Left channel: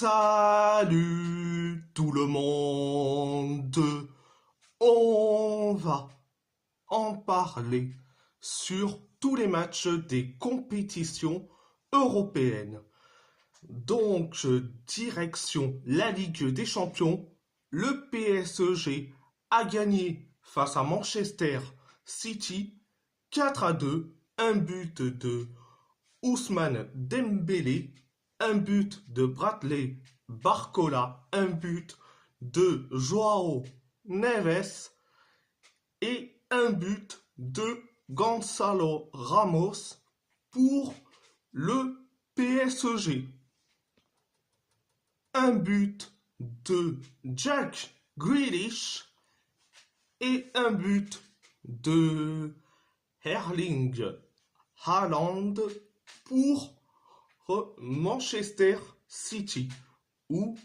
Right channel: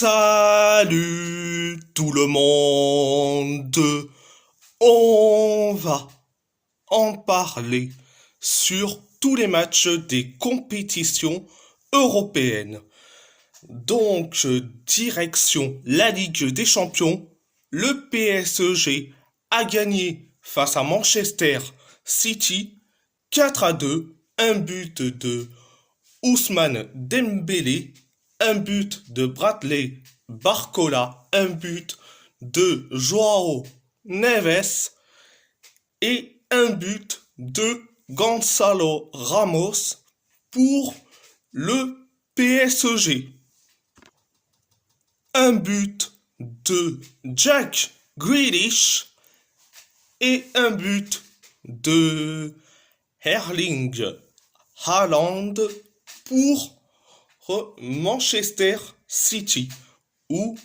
Salut tout le monde, on va en parler sur tous les matchs des compétitions européennes. Donc, direction la Ligue des Champions, le PSG a gagné face à Manchester City 4-2, un but de Ousmane Dembélé, un but de Bradley Barcola, un but de Joao Neves et un but de Gonzalo Ramos pour le PSG. Un but de Jack Grealish et un but de Erling Haaland pour Manchester City ou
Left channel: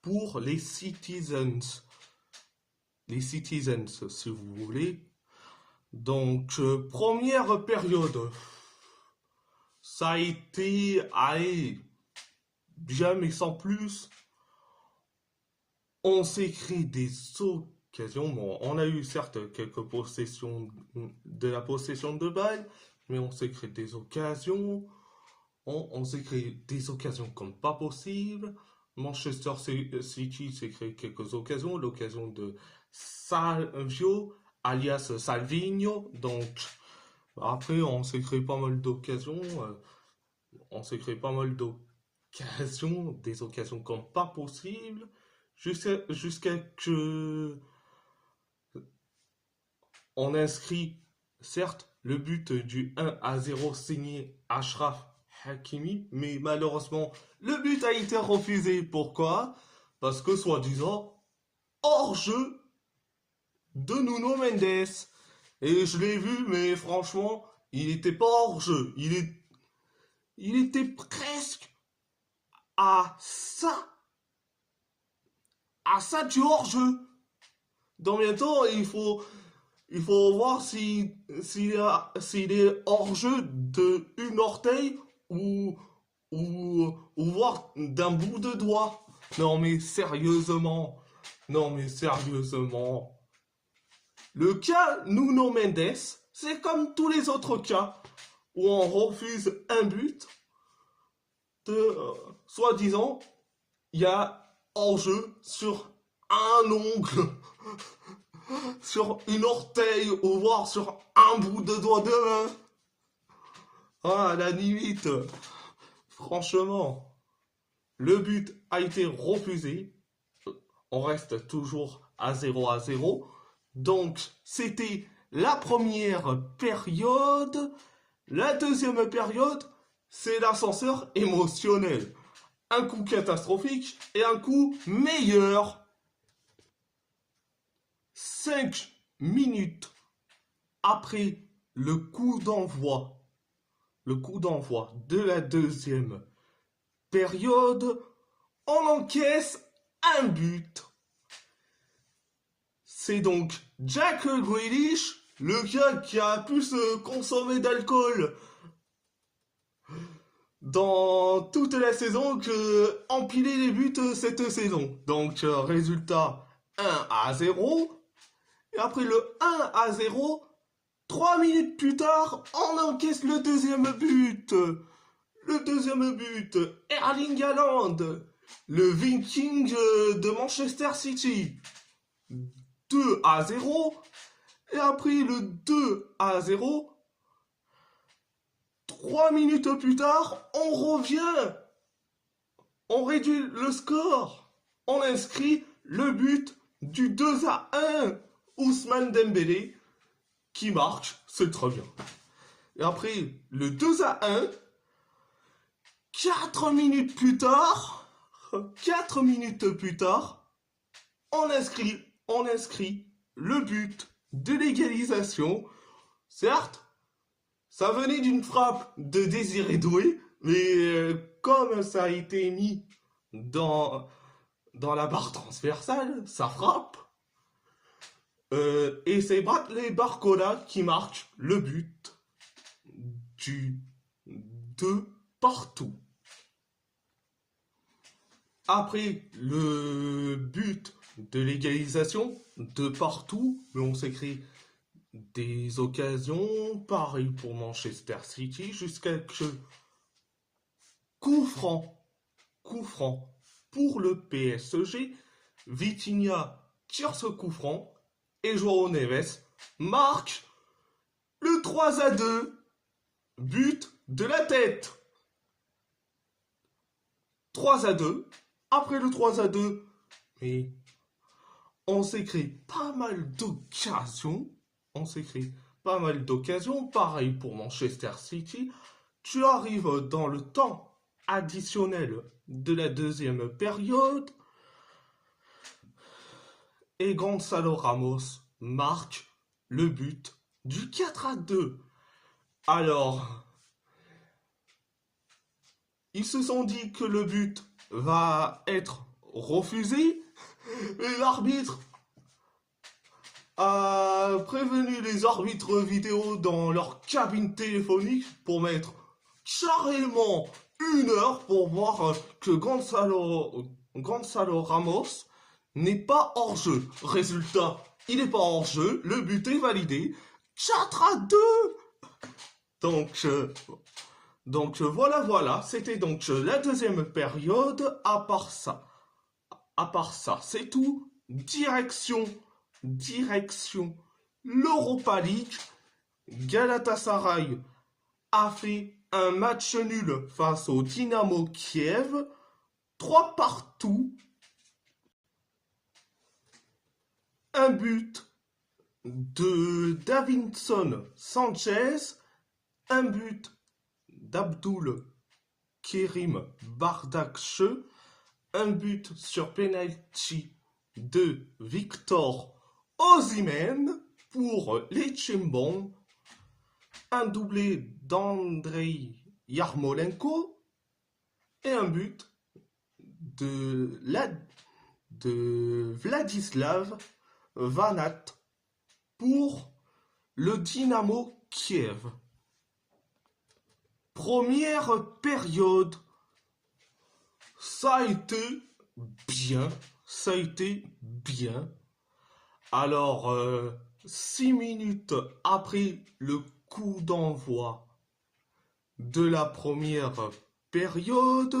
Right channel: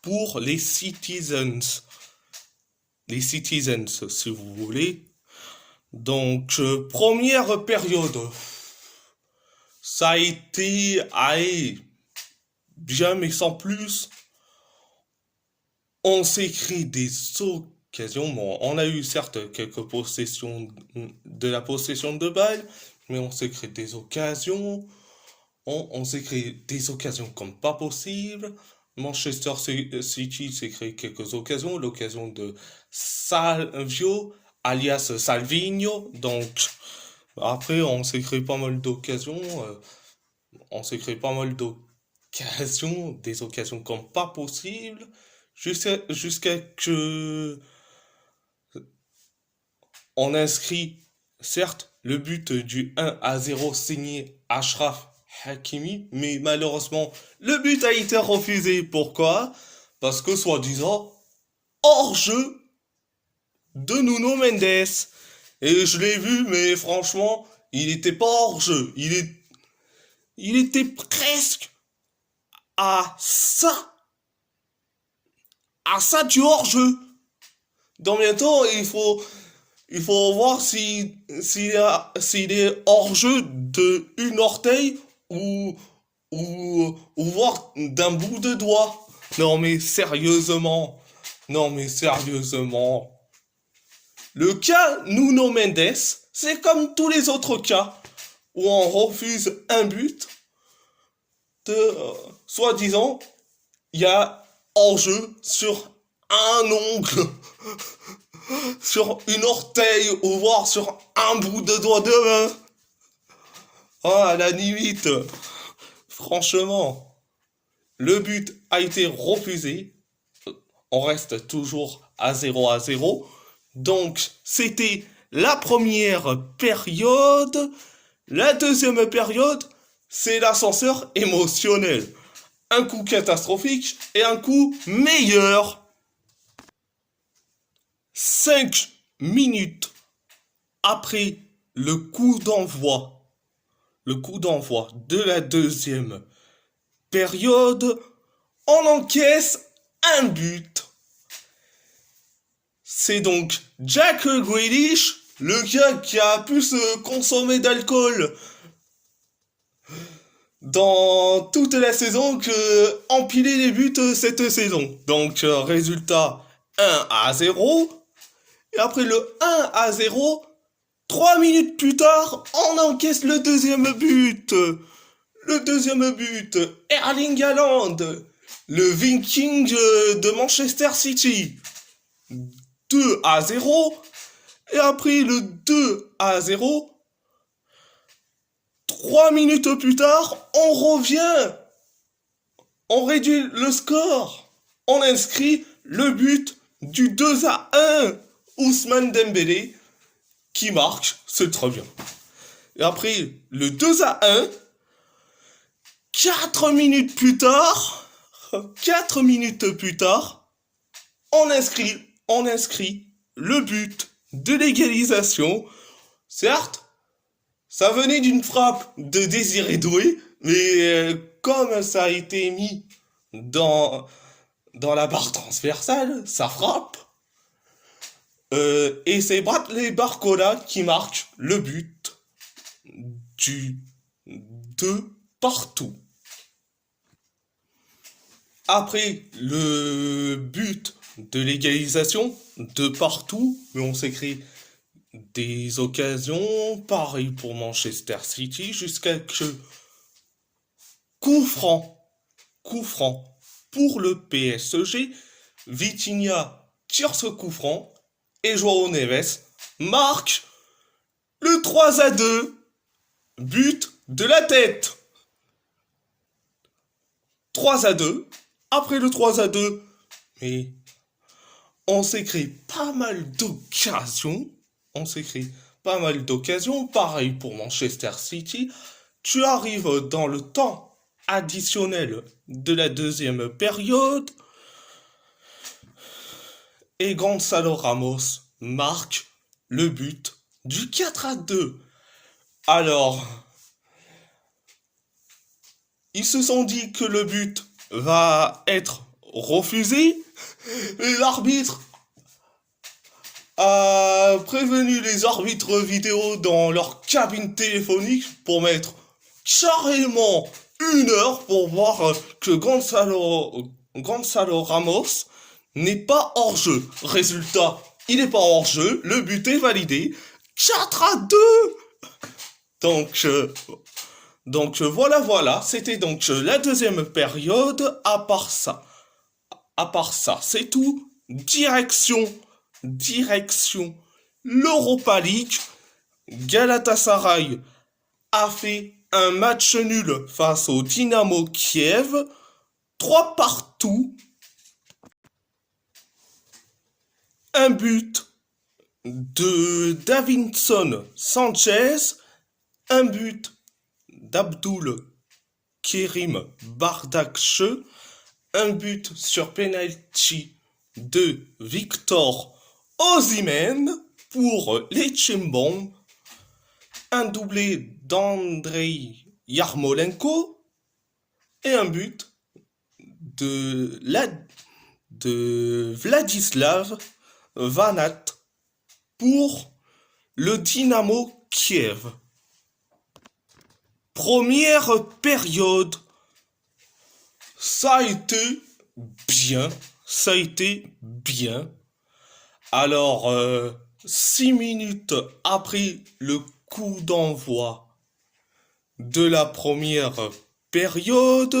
pour les Citizens. Les Citizens, si vous voulez. Donc, première période. Ça a été bien mais sans plus. On s'est créé des occasions. Bon, on a eu certes quelques possessions de la possession de balles, mais on s'est créé des occasions. On s'est créé des occasions comme pas possible. Manchester City s'est créé quelques occasions. L'occasion de Salvio, alias Salvinho. Donc, après, on s'est créé pas mal d'occasions. On s'est créé pas mal d'occasions. Des occasions comme pas possible. Jusqu'à que on inscrit, certes, le but du 1-0 signé Achraf Hakimi, mais malheureusement, le but a été refusé. Pourquoi? Parce que, soi-disant, hors-jeu de Nuno Mendes. Et je l'ai vu, mais franchement, il n'était pas hors-jeu. Il était presque à ça. À ça du hors-jeu. Dans bientôt, il faut voir s'il est hors jeu de une orteil ou voir d'un bout de doigt. Non mais sérieusement. Non mais sérieusement. Le cas Nuno Mendes, c'est comme tous les autres cas où on refuse un but de, soi-disant, il y a hors-jeu sur un ongle. Sur une orteil ou voir sur un bout de doigt de main. Ah, à la limite. Franchement, le but a été refusé. On reste toujours à 0-0. Donc, c'était la première période. La deuxième période, c'est l'ascenseur émotionnel. Un coup catastrophique et un coup meilleur. 5 minutes après le coup d'envoi de la deuxième période, on encaisse un but. C'est donc Jack Grealish, le gars qui a pu se consommer d'alcool dans toute la saison, que empiler les buts cette saison. Donc, résultat 1-0. Et après le 1-0, 3 minutes plus tard, on encaisse le deuxième but. Le deuxième but, Erling Haaland, le Viking de Manchester City. 2-0. Et après le 2-0, 3 minutes plus tard, on revient. On réduit le score. On inscrit le but du 2-1. Ousmane Dembélé qui marque, c'est très bien. Et après le 2-1, 4 minutes plus tard, 4 minutes plus tard, on inscrit le but de l'égalisation. Certes, ça venait d'une frappe de Désiré Doué, mais comme ça a été mis dans la barre transversale, ça frappe. Et c'est Bradley Barcola qui marque le but du 2 partout. Après le but de l'égalisation, de partout, mais on s'écrit des occasions, pareil pour Manchester City, jusqu'à que coup franc, coup franc pour le PSG, Vitinha tire ce coup franc et Joao Neves marque le 3-2, but de la tête. 3-2, après le 3-2, mais on s'est créé pas mal d'occasions. On s'est créé pas mal d'occasions. Pareil pour Manchester City. Tu arrives dans le temps additionnel de la deuxième période et Gonzalo Ramos marque le but du 4-2. Alors, ils se sont dit que le but va être refusé, mais l'arbitre a prévenu les arbitres vidéo dans leur cabine téléphonique pour mettre carrément 1 heure pour voir que Gonzalo Ramos n'est pas hors jeu. Résultat, il n'est pas hors jeu, le but est validé. 4-2. Donc, voilà, c'était donc la deuxième période. À part ça, c'est tout. Direction l'Europa League. Galatasaray a fait un match nul face au Dynamo Kiev. 3-3. Un but de Davinson Sanchez. Un but d'Abdul Kerim Bardakche. Un but sur penalty de Victor Osimhen pour les Chimbom. Un doublé d'Andrei Yarmolenko et un but de Vladislav Vanat pour le Dynamo Kiev. Première période, ça a été bien. Alors, 6 minutes après le coup d'envoi de la première période,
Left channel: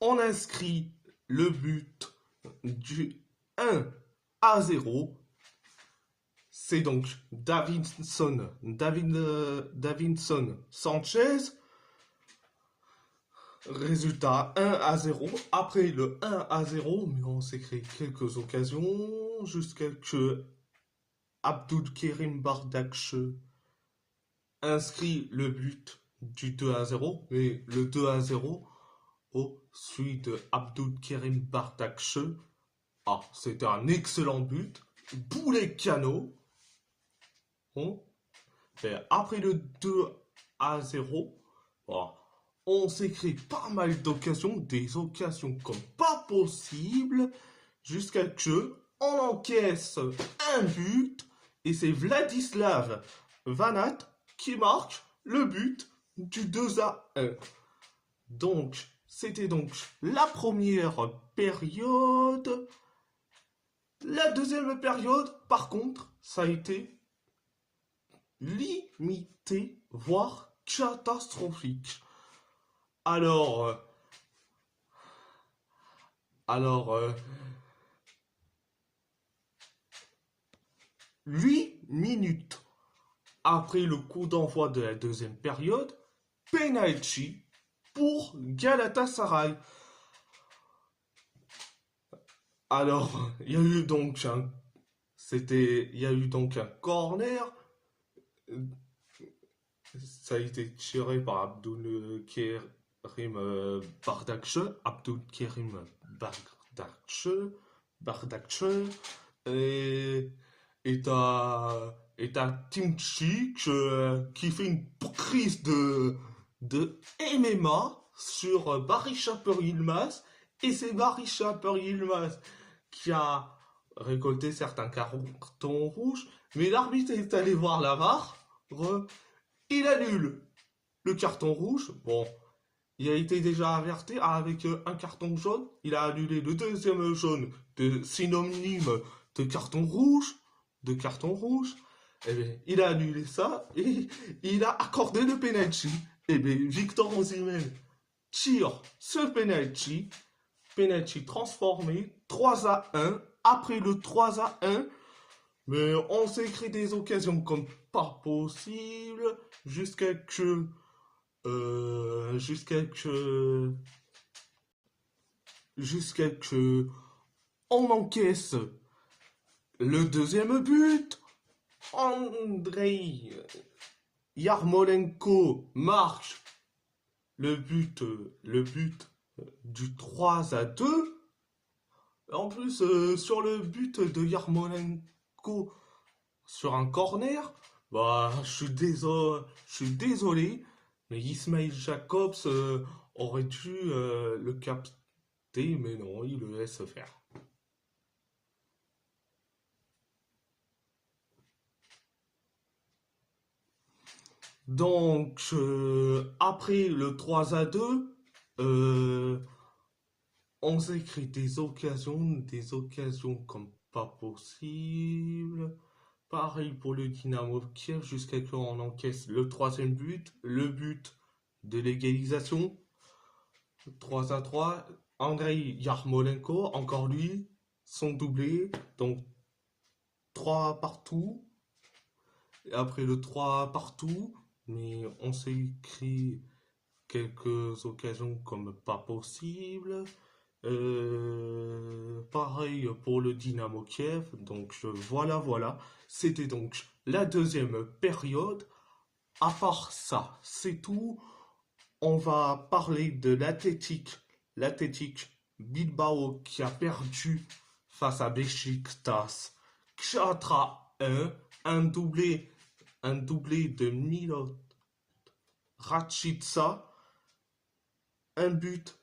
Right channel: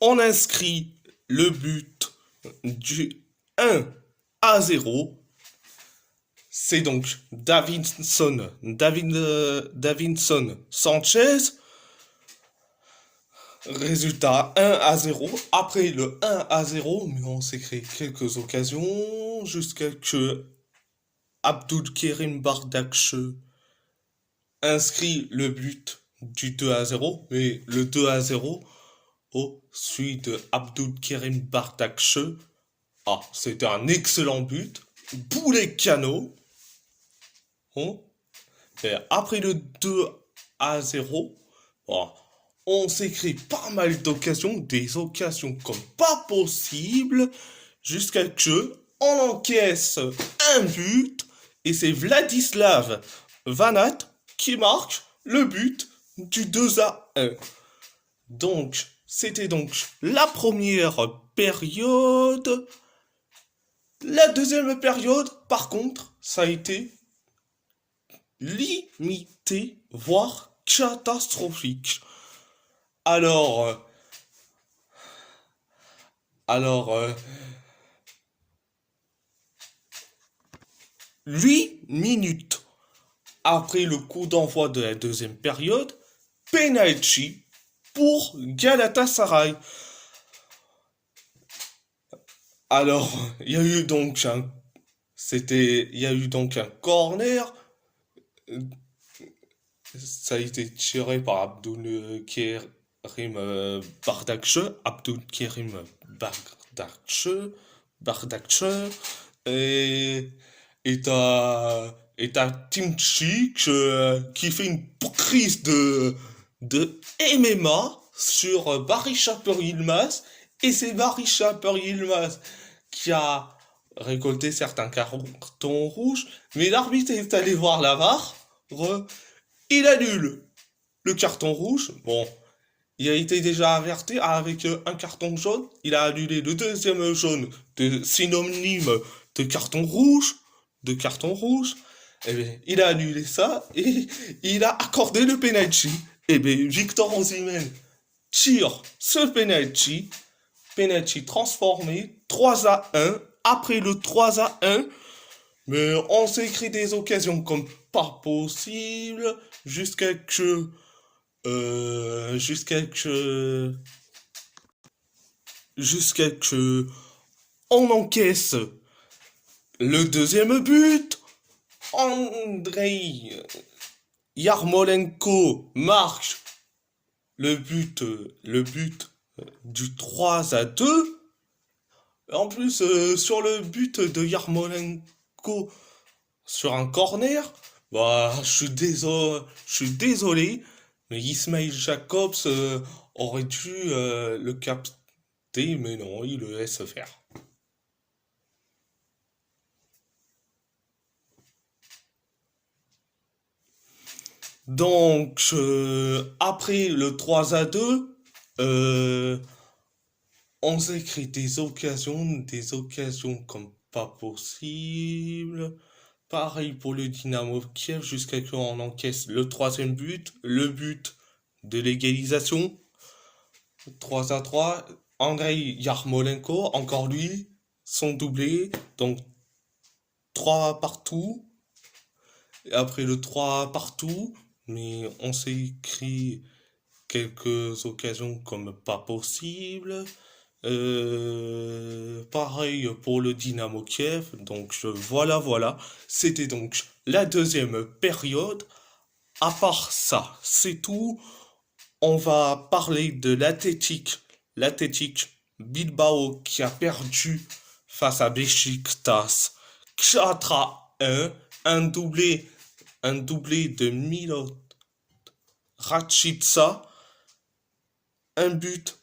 on inscrit le but du 1-0. C'est donc Davinson Sanchez. Résultat 1-0. Après le 1-0, mais on s'est créé quelques occasions jusqu'à que Abdulkerim Bardakche inscrit le but du 2-0. Mais le 2-0, celui de Abdulkerim Bardakche, c'était un excellent but. Boulet Cano. Et après le 2-0, on s'est créé pas mal d'occasions, des occasions comme pas possible, jusqu'à que on encaisse un but, et c'est Vladislav Vanat qui marque le but du 2-1. Donc, c'était donc la première période. La deuxième période, par contre, ça a été limité, voire catastrophique. Alors, 8 minutes après le coup d'envoi de la deuxième période, penalty pour Galatasaray. Alors, il y a eu donc un corner. Ça a été tiré par Abdul Kerim Bardakche. Et t'as Timchik qui fait une prise de MMA sur Barry Chaper Yilmaz. Et c'est Barry Chaper Yilmaz qui a récolté certains cartons rouges. Mais l'arbitre est allé voir la VAR. Il annule le carton rouge. Bon, il a été déjà averti avec un carton jaune. Il a annulé le deuxième jaune de synonyme de carton rouge. De carton rouge. Eh bien, il a annulé ça et il a accordé le penalty. Eh bien, Victor Osimhen tire ce penalty. Penalty transformé 3-1. Après le 3-1, mais on s'écrit des occasions comme pas possible jusqu'à que jusqu'à que jusqu'à que on encaisse le deuxième but. Andrei Yarmolenko marque le but du 3-2. En plus, sur le but de Yarmolenko sur un corner, bah, je suis désolé, mais Ismail Jacobs aurait dû le capter, mais non, il le laisse faire. Donc, après le 3-2, euh, on s'écrit des occasions comme pas possible. Pareil pour le Dynamo Kiev jusqu'à ce qu'on encaisse le troisième but, le but de l'égalisation, 3-3. Andrei Yarmolenko, encore lui, son doublé, donc 3 partout. Et après le 3 partout, mais on s'est écrit quelques occasions comme pas possible. Pareil pour le Dynamo Kiev. Donc voilà. C'était donc la deuxième période. À part ça, c'est tout. On va parler de l'Athletic Bilbao qui a perdu face à Beşiktaş 4-1. Un doublé, un doublé de Milot Rashica, un but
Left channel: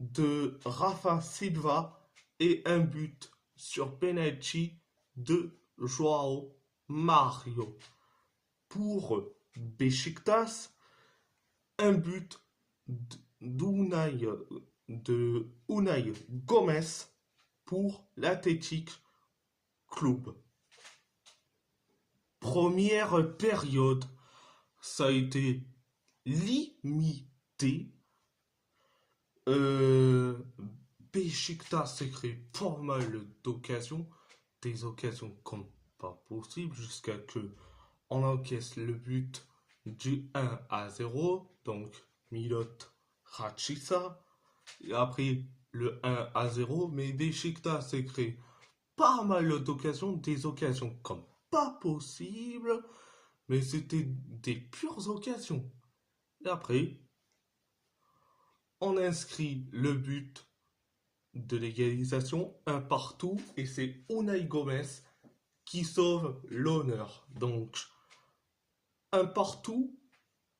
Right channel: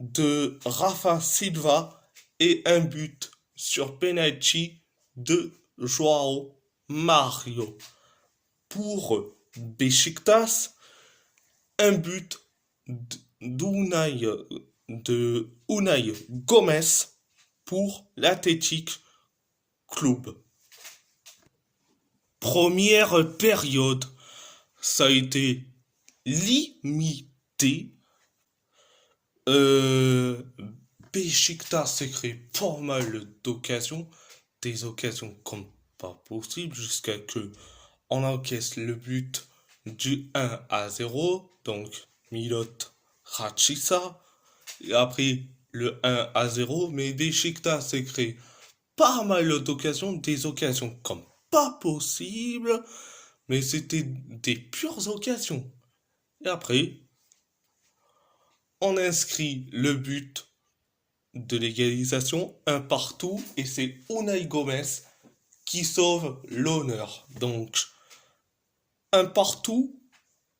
de Rafa Silva et un but sur penalty de Joao Mario. Pour Beşiktaş, un but d'Unai de Unai Gomez pour l'Athletic Club. Première période, ça a été limité. Euh, Beşiktaş s'est créé pas mal d'occasions, des occasions comme pas possible, jusqu'à que on encaisse le but du 1-0, donc Milot Rashica, et après le 1-0, mais Beşiktaş s'est créé pas mal d'occasions, des occasions comme pas possible, mais c'était des pures occasions. Et après, on inscrit le but de l'égalisation, un partout, et c'est Unai Gomez qui sauve l'honneur. Donc, un partout.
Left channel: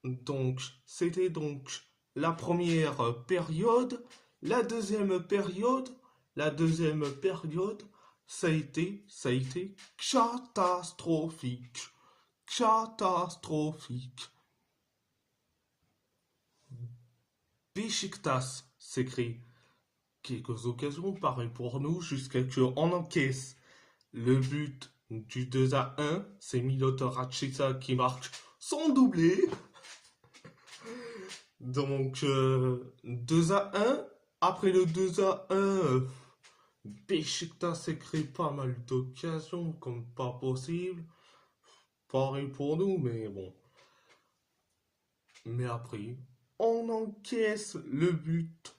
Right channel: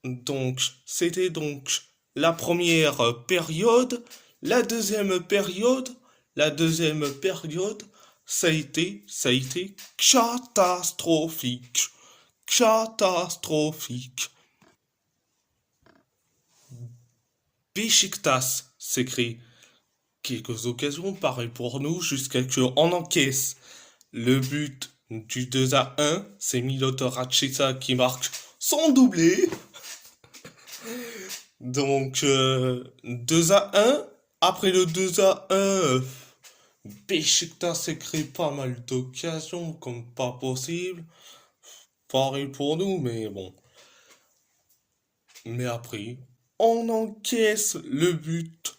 Donc, c'était donc la première période. La deuxième période, ça a été catastrophique. Catastrophique. Beşiktaş s'écrit quelques occasions, pareil pour nous, jusqu'à ce qu'on encaisse le but du 2-1. C'est Milot Rashica qui marque son doublé. Donc 2-1. Après le 2-1, Beşiktaş s'est créé pas mal d'occasions, comme pas possible. Pareil pour nous, mais bon. Mais après, on encaisse le but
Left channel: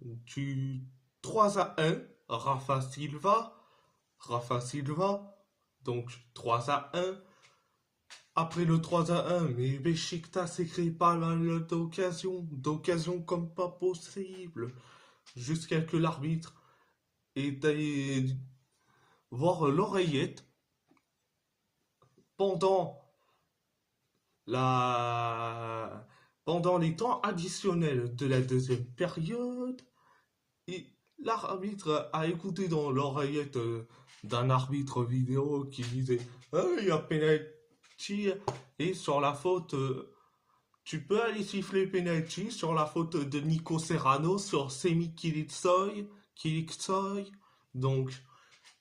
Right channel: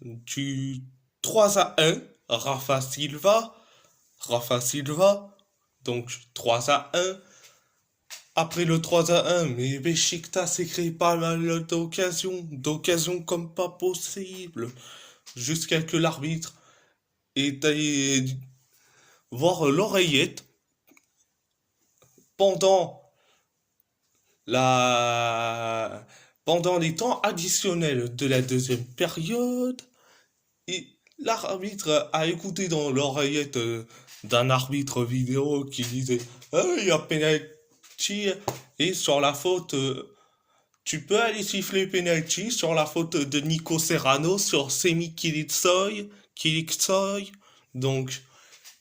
du 3-1. Rafa Silva, donc 3-1. Après le 3-1, mais Beşiktaş s'est créé pas mal d'occasions comme pas possible, jusqu'à que l'arbitre ait allé voir l'oreillette pendant la pendant les temps additionnels de la deuxième période. Et l'arbitre a écouté dans l'oreillette d'un arbitre vidéo qui disait: ah, il y a penalty. Et sur la faute tu peux aller siffler penalty sur la faute de Nico Serrano sur Semi Kiliksoy. Donc,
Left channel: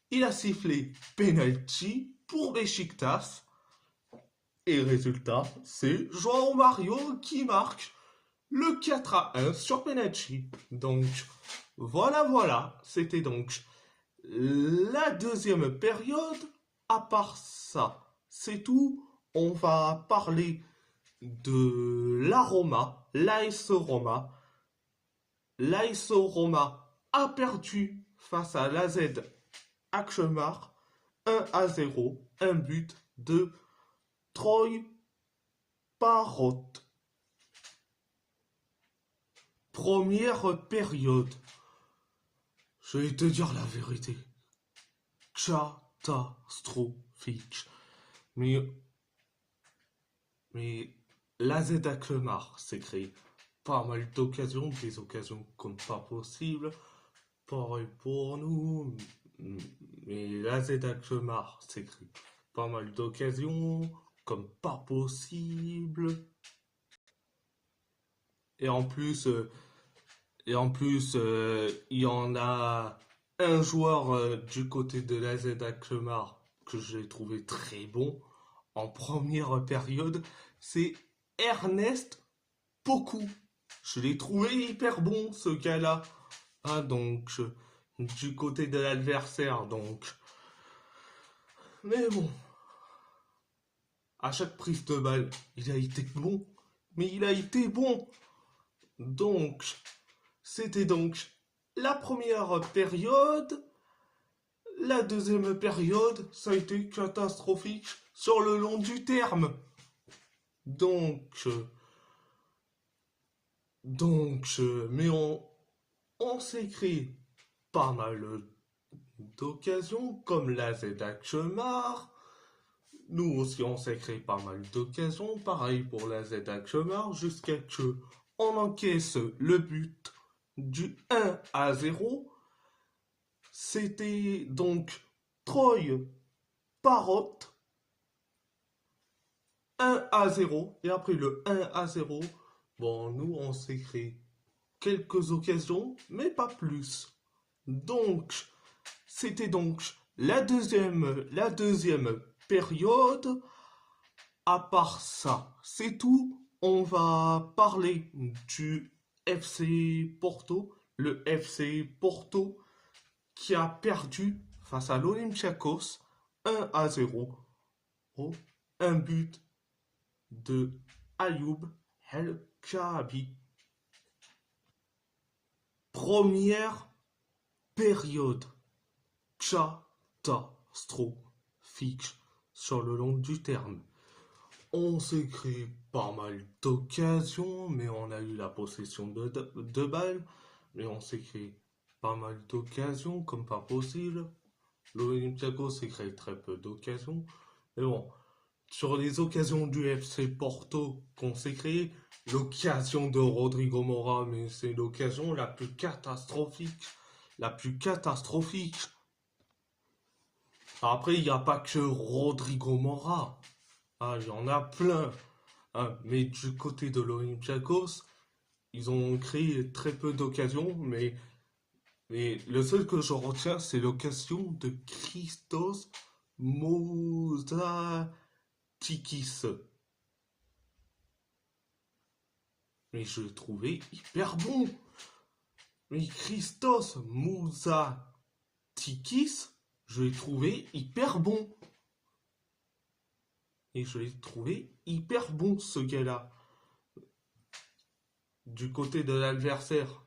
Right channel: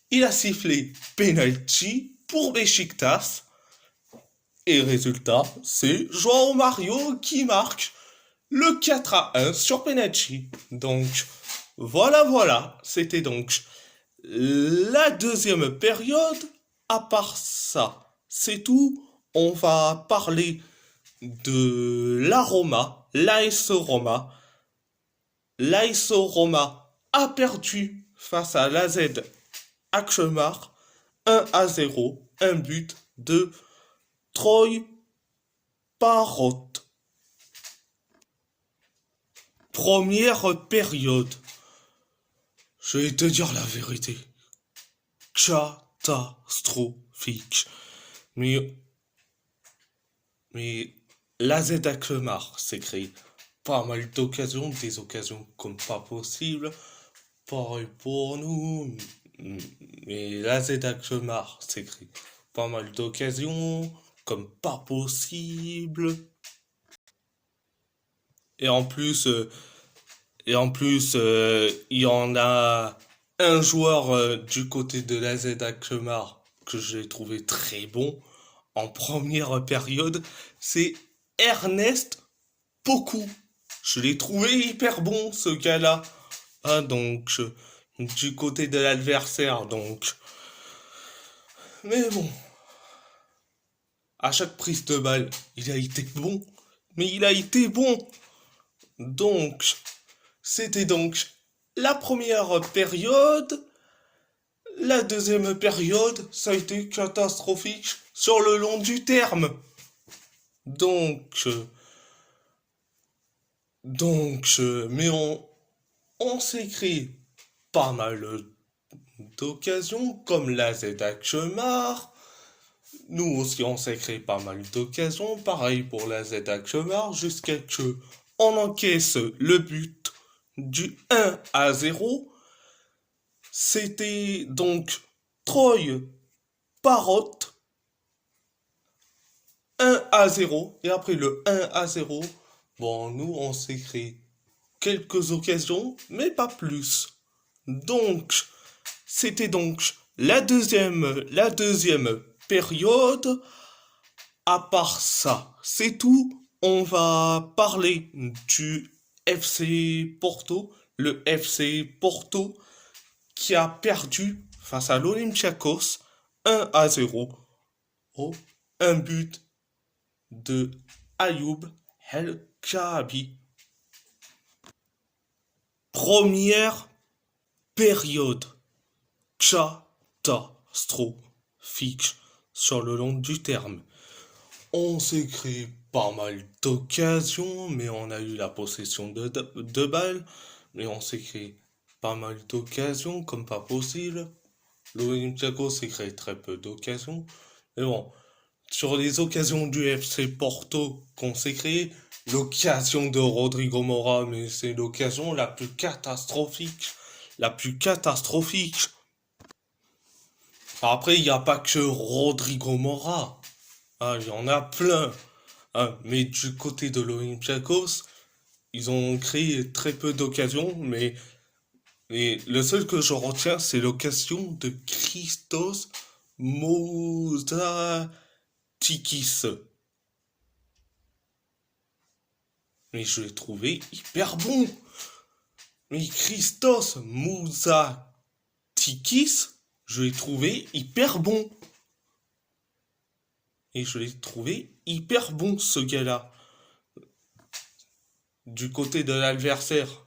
il a sifflé penalty pour Beşiktaş. Et résultat, c'est João Mario qui marque le 4-1 sur penalty. Donc, voilà. C'était donc la deuxième période. À part ça, c'est tout. On va parler de la Roma, l'AS Roma. L'AS Roma a perdu face à l'AZ Alkmaar 1-0, un but de Troy Parrot. Première période. Je vais te dire la vérité. Catastrophique. Mais l'AZ Alkmaar s'est créé pas mal d'occasions, des occasions comme pas possible. Pareil pour nous. Mais l'AZ Alkmaar s'est créé pas mal d'occasions comme pas possible. Et en plus, il y en a un joueur du côté de l'AZ Alkmaar que j'ai trouvé très bon en première période, c'est Ernest Poku. Je l'ai trouvé hyper bon, ce gars-là. Ah, donc, du côté de l'adversaire, donc. Mais bon, à chaque prise de balle, il a été bon. Mais il a été bon. Donc, c'était donc la première période. La deuxième période, ça a été catastrophique sur le long du terme. Donc, mais on s'est créé pas mal d'occasions, comme la Z Alkmaar. Nous aussi, on s'est créé pas mal d'occasions. Pareil pour la Z Alkmaar, jusqu'à ce qu'on encaisse le but du 1-0. C'était donc Troy Parrot 1-0. Et après le 1-0, bon, nous, on s'est créé quelques occasions, mais pas plus. Donc, c'était donc la deuxième période. À part ça, c'est tout. On va parler du FC Porto. Le FC Porto qui a perdu face à l'Olympiakos 1-0. Oh, un but de Ayoub El Kaabi. Première période catastrophique sur le long du terme. On s'est créé pas mal d'occasions, mais on a eu la possession de balles. Mais on s'est créé pas mal d'occasions comme pas possible. L'Olympiakos s'est créé très peu d'occasions. Mais bon, sur les occasions du FC Porto qu'on s'est créé, l'occasion de Rodrigo Mora, mais c'est l'occasion la plus catastrophique. La plus catastrophique. Après, il n'y a pas que Rodrigo Mora. Ah, il y en a plein. Ah, mais du côté de l'Olympiakos, ils ont créé très peu d'occasions, mais le seul que je retiens, c'est l'occasion de Christos Mouzatikis. Mais je l'ai trouvé hyper bon. Mais Christos Mouzatikis, je l'ai trouvé hyper bon. Et je l'ai trouvé hyper bon, ce gars-là. Du côté de l'adversaire.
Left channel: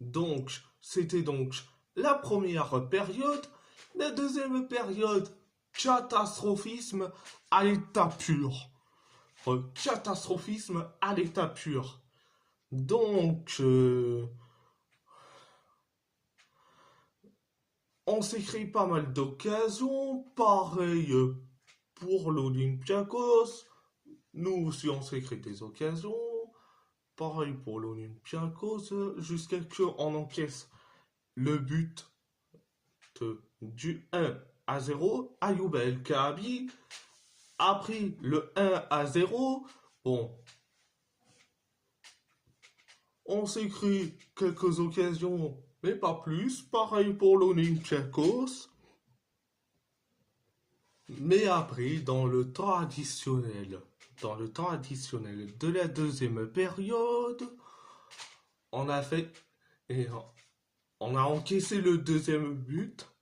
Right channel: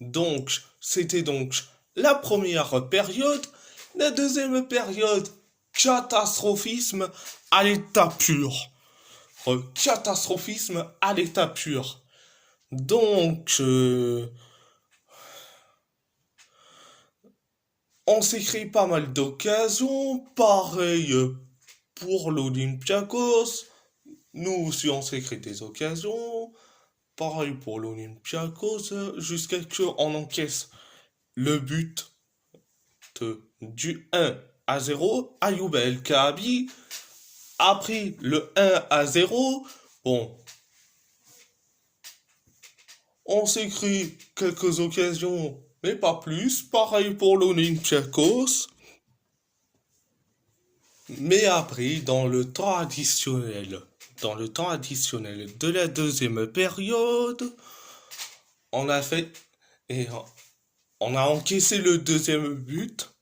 Donc, c'était donc la première période. La deuxième période, catastrophisme à l'état pur. Catastrophisme à l'état pur. Donc, on s'est créé pas mal d'occasions. Pareil pour l'Olympiakos. Nous aussi, on s'est créé des occasions. Pareil pour l'Olympiakos. Jusqu'à ce qu'on encaisse le but du 1-0. Ayoub El Kaabi. Après le 1-0, bon, On s'est créé quelques occasions, mais pas plus. Pareil pour l'Olympiakos. Mais après, dans le temps additionnel de la deuxième période, on a fait et on a encaissé le deuxième but.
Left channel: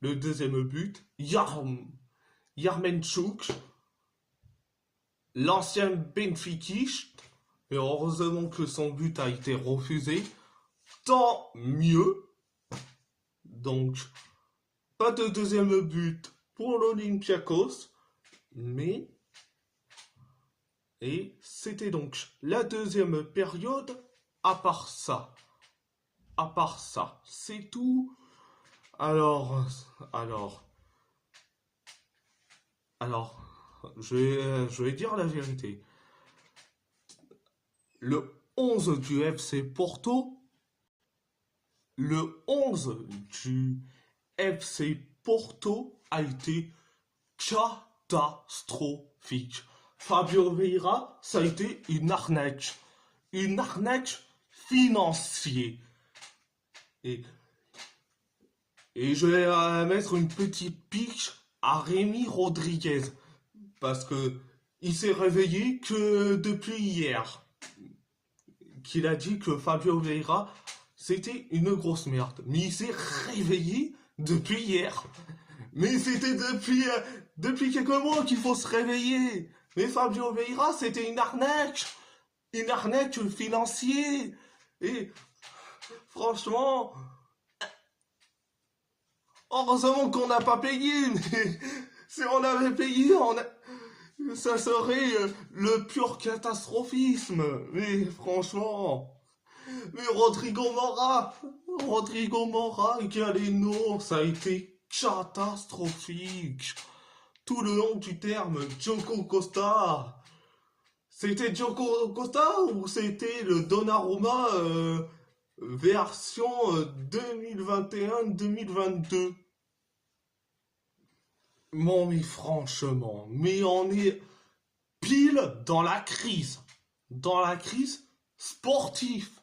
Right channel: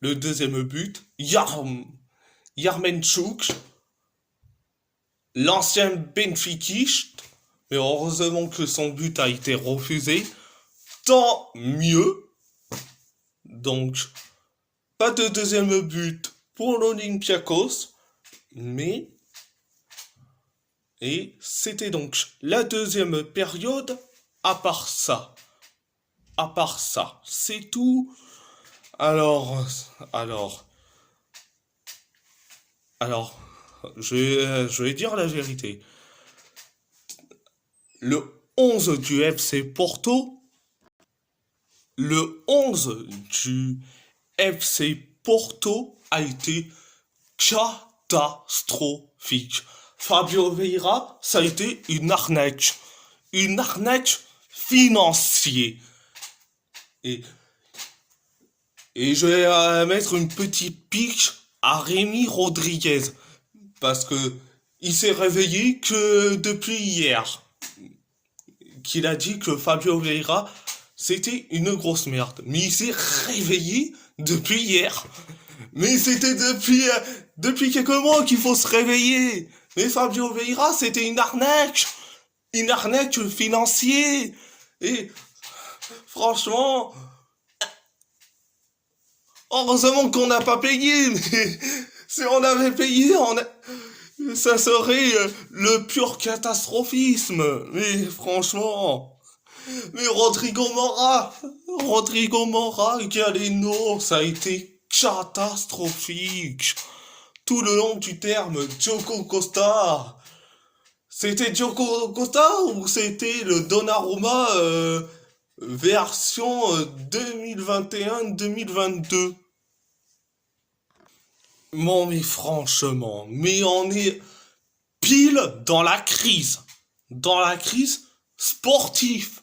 Le deuxième but, Yaremchuk, l'ancien benfiquiste, mais heureusement que son but a été refusé. Tant mieux. Donc, pas de deuxième but pour l'Olympiakos, mais et c'était donc la deuxième période. À part ça, c'est tout. Alors, alors, alors, je vais dire la vérité. Le 11 du FC Porto, le 11 du FC Porto a été catastrophique. Fabio Vieira, ça a été une arnaque financière. Et, et je vais mettre une petite pique à Rémi Rodriguez parce que il s'est réveillé que depuis hier. Qu'il a dit que Fabio Vieira c'était une grosse merde. Mais il s'est réveillé depuis hier. Mais c'était depuis quelques mois qu'il faut se réveiller. Mais Fabio Vieira, c'était une arnaque financière. Et franchement, heureusement qu'on n'a pas payé. Mais si on avait payé, ça serait le pur catastrophisme. Mais franchement. Mais Rodrigo Mora, Galeno, ça a été catastrophique. Tout le long du terme, Diogo Costa. C'était Diogo Costa ou c'était le Donnarumma version 2021-2022? Bon, mais franchement, mais on est pile dans la crise. Dans la crise sportive.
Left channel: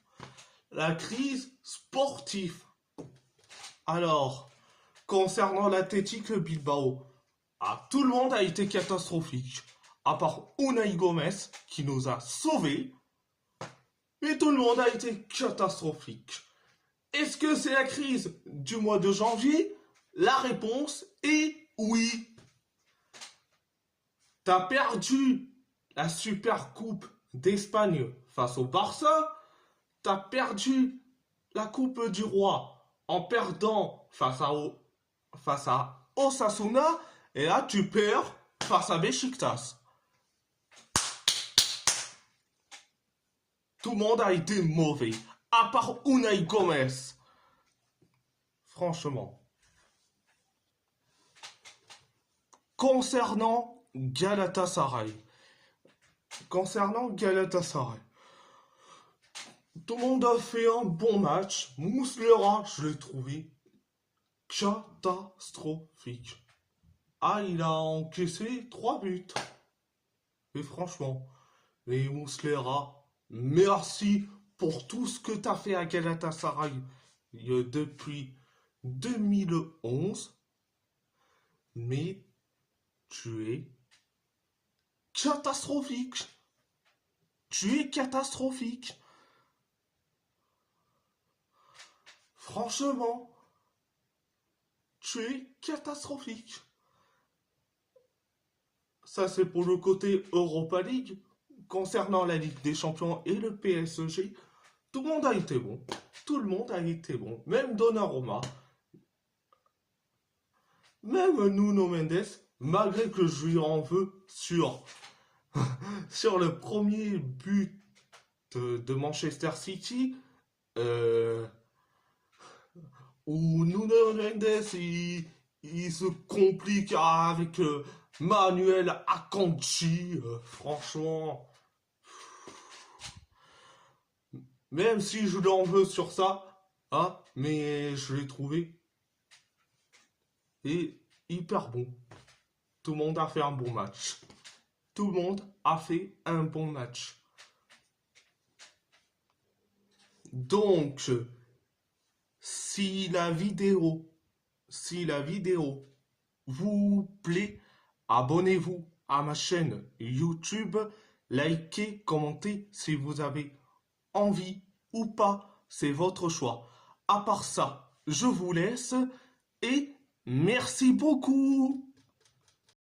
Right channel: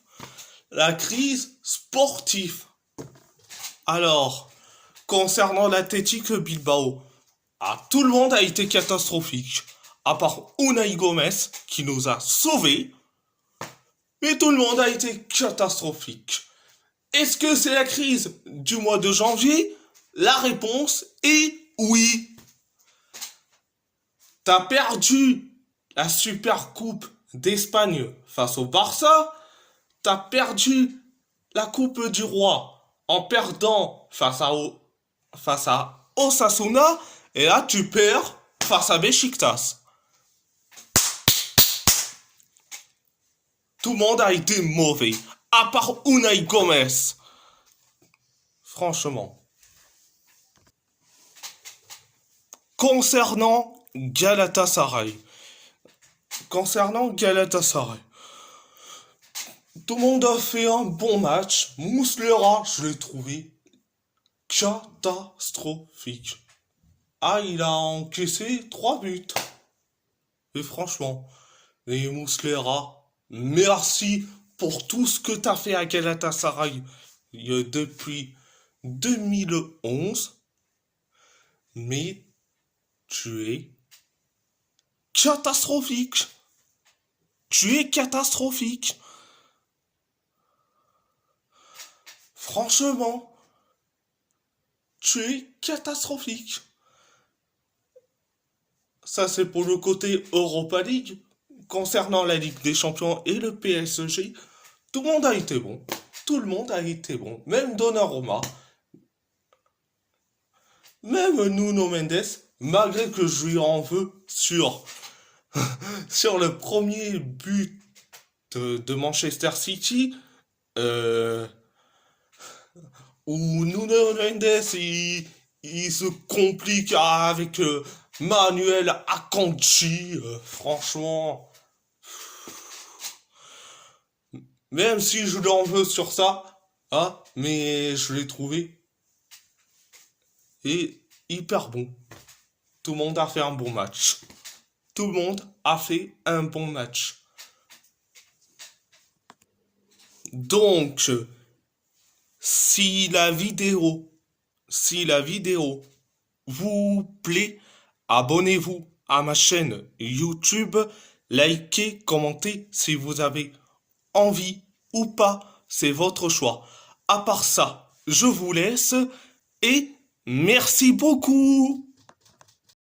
La crise sportive. Alors, concernant l'Athletic Bilbao, tout le monde a été catastrophique. À part Unai Gomez, qui nous a sauvés. Mais tout le monde a été catastrophique. Est-ce que c'est la crise du mois de janvier? La réponse est oui. T'as perdu la Super Coupe d'Espagne face au Barça. T'as perdu la Coupe du Roi en perdant face à Osasuna. Et là, tu perds face à Besiktas. Tout le monde a été mauvais, à part Unai Gomez. Franchement. Concernant Galatasaray. Tout le monde a fait un bon match. Muslera, je l'ai trouvé catastrophique. Il a encaissé 3 buts. Et franchement, les Muslera, merci pour tout ce que t'as fait à Galatasaray depuis 2011. Mais tu es catastrophique. Franchement, tu es catastrophique. Ça, c'est pour le côté Europa League. Concernant la Ligue des Champions et le PSG, tout le monde a été bon. Même Donnarumma. Même Nuno Mendes, malgré que je lui en veux sur le premier but de Manchester City, où Nuno Mendes il se complique avec Manuel Akanji. Franchement, même si je l'en veux sur ça, mais je l'ai trouvé et hyper bon. Tout le monde a fait un bon match. Donc, si la vidéo, si la vidéo vous plaît, abonnez-vous à ma chaîne YouTube, likez, commentez si vous avez envie ou pas, c'est votre choix. À part ça, je vous laisse et merci beaucoup.